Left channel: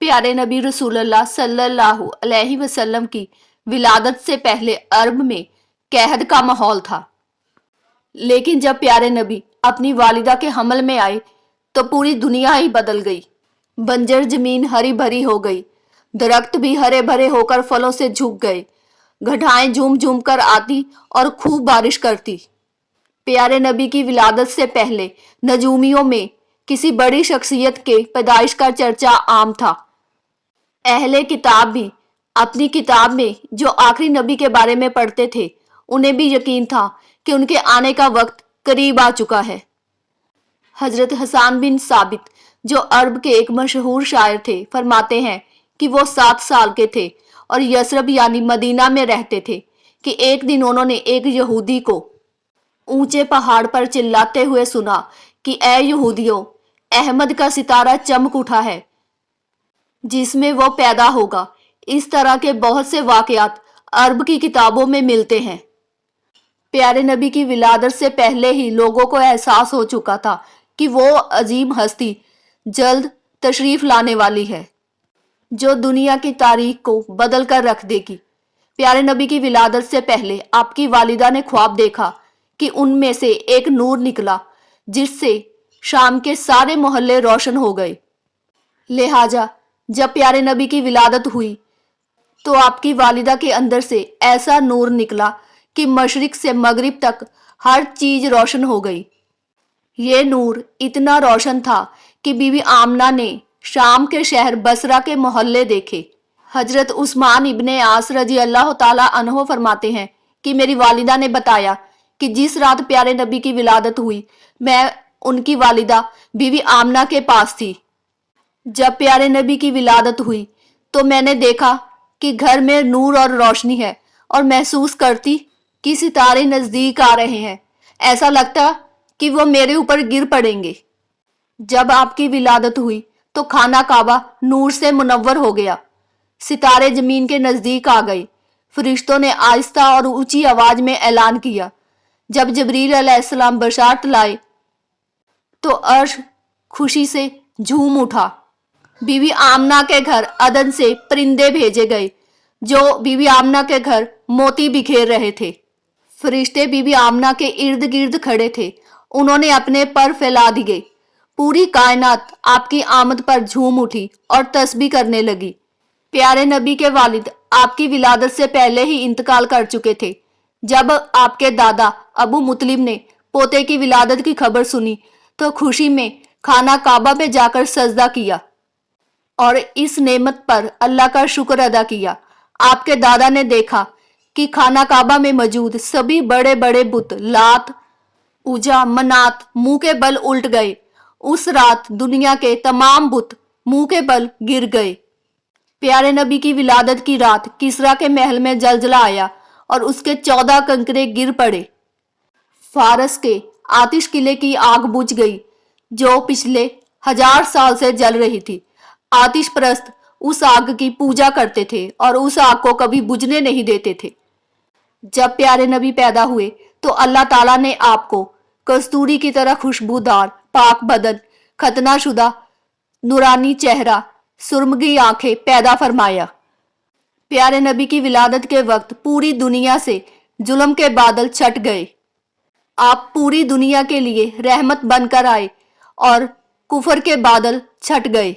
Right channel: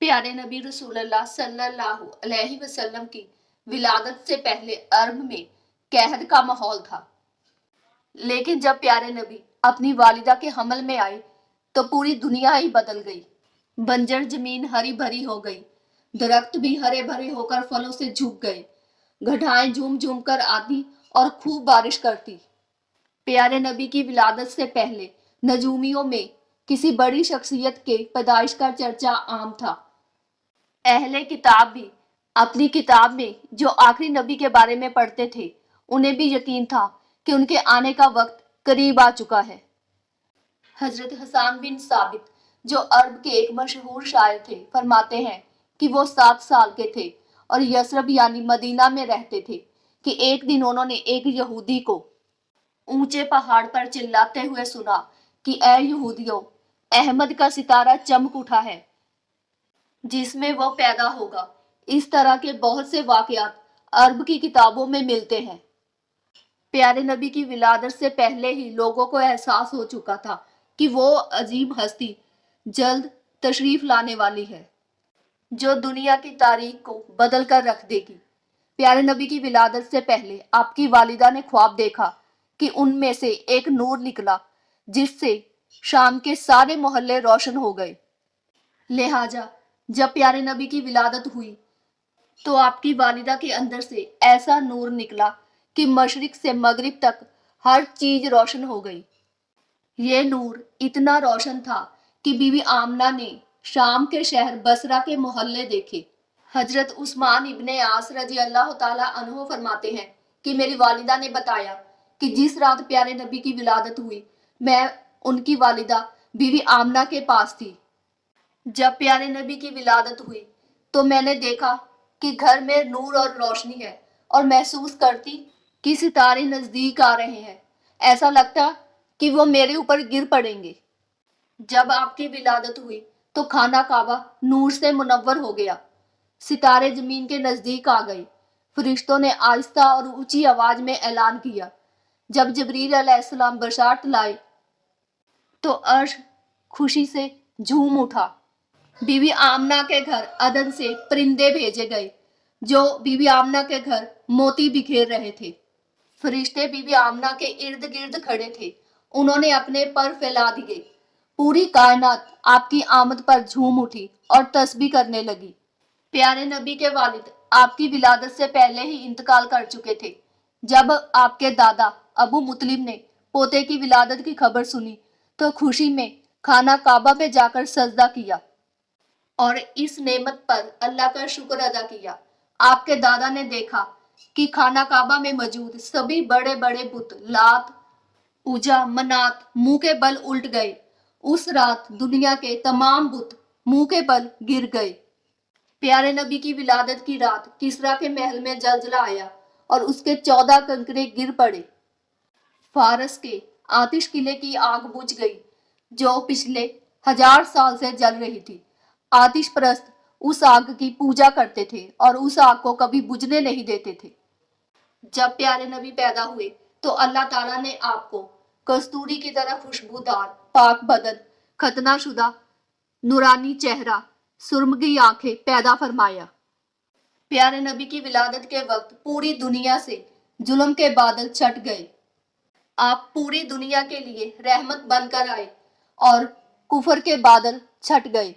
प्यारे नबी रसूलुल्लाह सल्लल्लाहु अलैहि वसल्लम की विलादत से पहले अरब में कहद का माहौल था। लेकिन जब प्यारे नबी अपनी वालिदा के हमल में आए तो पूरी दुनिया ही बदल गई। बंजर जमीन हरी भरी हो गई, दरख्त भी हरे भरे होकर फलों से झुक गए, घटाएं झूम झूम कर आती और खूब बारिश करती। प्यारे नबी की विलादत से पहले नजूमियों में किसी बड़ी शख्सियत के पैदाइश का चर्चा आम था। अहले किताब भी अपनी किताब में जो आखिरी नबी के बारे में पढ़ते थे, उन्हें भी यकीन था कि उनके आने का वक्त करीब आ चुका है। हजरत हसन बिन साबित, जो अरब के एक मशहूर शायर थे, फरमाते हैं कि वो 7 साल के थे और यसरब यानी मदीना में रहते थे कि एक दिन उन्होंने एक यहूदी को ऊंचे पहाड़ पर चिल्लाते हुए सुना कि ए यहूदियों, अहमद का सितारा चमक उठा है जिसमें वो पैदा होगा। इस तरह के बहुत से वाकयात अरब की किताबों में मिलते हैं। प्यारे नबी की विलादत से पहले ही लोगों को एहसास हो चुका था कि वो अजीम हस्ती जल्द तशरीफ लाने वाली है जो दुनिया की तारीख को बदल कर रख देगी। प्यारे नबी की विलादत से पहले आपकी वालिदा ने ख्वाब देखा कि उनमें से एक नूर निकला जिससे शाम के सारे मोहल्ले रोशन हो गए। लिहाजा जब प्यारे नबी की विलादत हुई तो आपकी वालिदा के अंदर से ऐसा नूर निकला कि मशरिक से मगरिब तक हर चीज रोशन हो गई। ये नूर इतना रोशन था कि बीवी आमना ने शाम के शहर बसरा के मोहल्ले देखे। हजरत उस्मान इब्ने आस रजी अल्लाह ताला अन्हो फरमाते हैं कि मेरी वालिदा ने बताया कि जिस रात प्यारे नबी की विलादत हुई, मैं उनकी वालिदा बीवी आमना के पास थी। जब प्यारे नबी की विलादत हुई तो मैंने देखा कि घर में नूर और रोशनी है और महसूस करती कि सितारे नजदीक आ रहे हैं। ऐसा लगता कि वो मेरे ऊपर गिर पड़ेंगे। जब आपकी विलादत हुई तो खाना काबा नूर से मुनव्वर हो गया, सितारे जमीन के नजदीक आ गए। फरिश्तों ने आहिस्ता और ऊंची आवाज में ऐलान किया। जब जबरील अलैहिस्सलाम बशारत लाए तो अर्श खुशी से झूम उठा। बीवी आमना के घर अदन से परिंदे भेजे गए जो बीवी आमना के घर मोती बिखेर रहे थे। फरिश्ते बीवी आमना के इर्द गिर्द खड़े थे, उन्होंने अपने पर फैला दिए। पूरी कायनात आपकी आमद पर झूम उठी और तस्बीह करने लगी। प्यारे नबी के वालिद आपकी विलादत से पहले ही इंतकाल कर चुके थे। जब आपके दादा अबू मुतलिब ने पोते की विलादत की खबर सुनी तो खुशी में खाना काबा में जाकर सजदा किया और इस नेमत पर अल्लाह का शुक्र अदा किया। आपके दादा ने देखा कि खाना काबा में मौजूद सभी बड़े बड़े बुत लात, उजा, मनात मुंह के बल उल्ट गए। उस रात दुनिया के तमाम बुत मुंह के बल गिर गए। प्यारे नबी की विलादत की रात किसरा के महल में जलजला आया और उसके 14 कंकरे गिर पड़े। फारस के आतिश किले की आग बुझ गई जो पिछले 1000 साल से जल रही थी। आतिश परस्त उस आग की पूजा करते थे और उस आग को कभी बुझने नहीं देते थे। जब प्यारे नबी पैदा हुए तो अल्लाह ताला ने आपको कस्तूरी की तरह खुशबूदार, पाक बदन, खतना शुदा, नूरानी चेहरा, सुरमगी आंखें पैदा फरमाया। प्यारे नबी की विलादत के वक्त पूरी दुनिया से जुल्म के बादल छट गए। आप पूरी दुनिया के लिए रहमत बनकर आए और कुफर के बादल छट गए।